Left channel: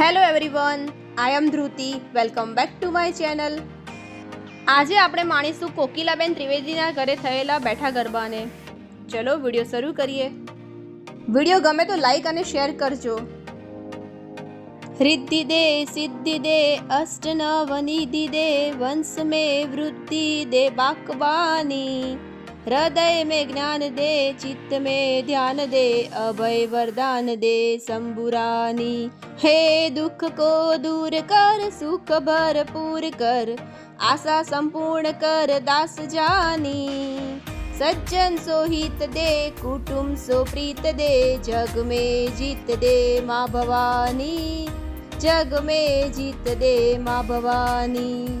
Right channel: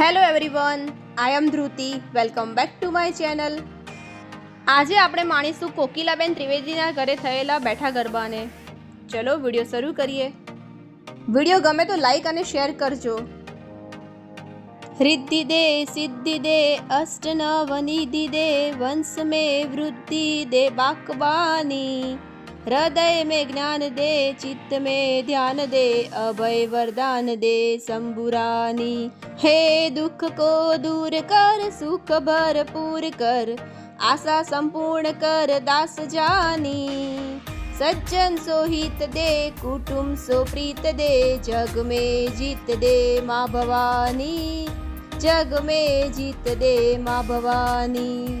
Hello everyone I am Dhruti welcome back to my channel આજે આપણે માણીશું કોકિલાબેન ત્રિવેદીના ઘરે થયેલા બેઠા ગરબાને. ચલો વીડિયો શરૂ કરીએ. વીડિયો ગમે તો લાઈક અને શેર કરજો. રિદ્ધિ દે, સિદ્ધિ દે અષ્ટ નવ નિધિ દે, વંશ મે વૃદ્ધિ દે, બાકબાની. हृदय में ज्ञान दे चित्त में ध्यान दे अभय वरदान दे शंभुरानी हे दुख को दूर कर सुख भरपूर कर आशा संपूर्ण कर दास जानी सज्जन सोहित दे कुटुंब सोप्रीत दे जग में जीत दे माँ भवानी जग में जीत दे माँ Bhavani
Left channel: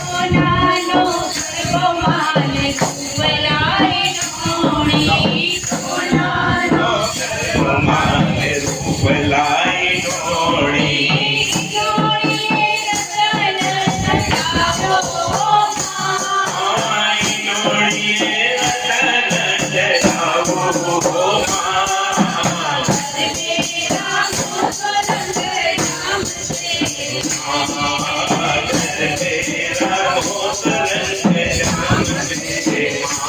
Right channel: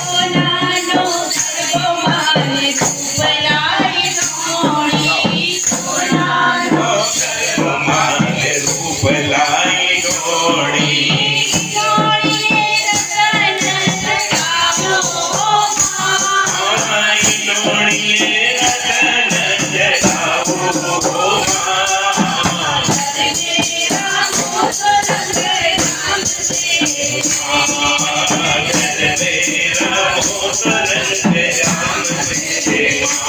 Oh, no, no, no,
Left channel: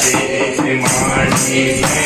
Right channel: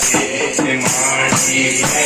Jai Jai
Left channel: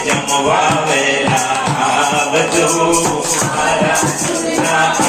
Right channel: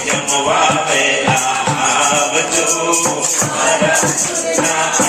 જમવા વેલા આવજો મારા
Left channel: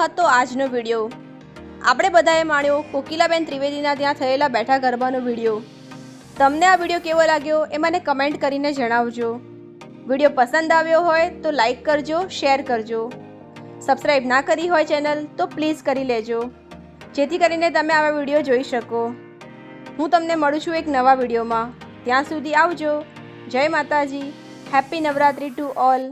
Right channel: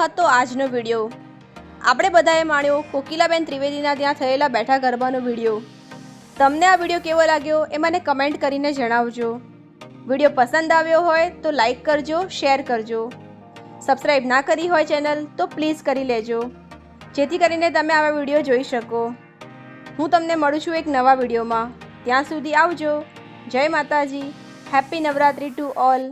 હતો આજનો વીડિયો. આપણે બધાએ માણ્યો કોકિલાબેન ત્રિવેદીના ત્યાં થયેલા બેઠા ગરબાનો વીડિયો. તમને આ વીડિયો કેવો લાગ્યો એ મને કમેન્ટ કરીને જણાવજો. વીડિયો પસંદ આવ્યો હોય તો લાઈક કરજો, શેર કરજો. સબસ્ક્રાઈબ ના કરી હોય ચેનલ તો પ્લીઝ કરી લેજો. જેથી કરીને તમે આવા વીડિયો જોઈ શકો. હું તમને મળું છું એક નવા વિડીયોમાં. ત્યાં સુધી આવજો. જય માતાજી. Happy Navratri to all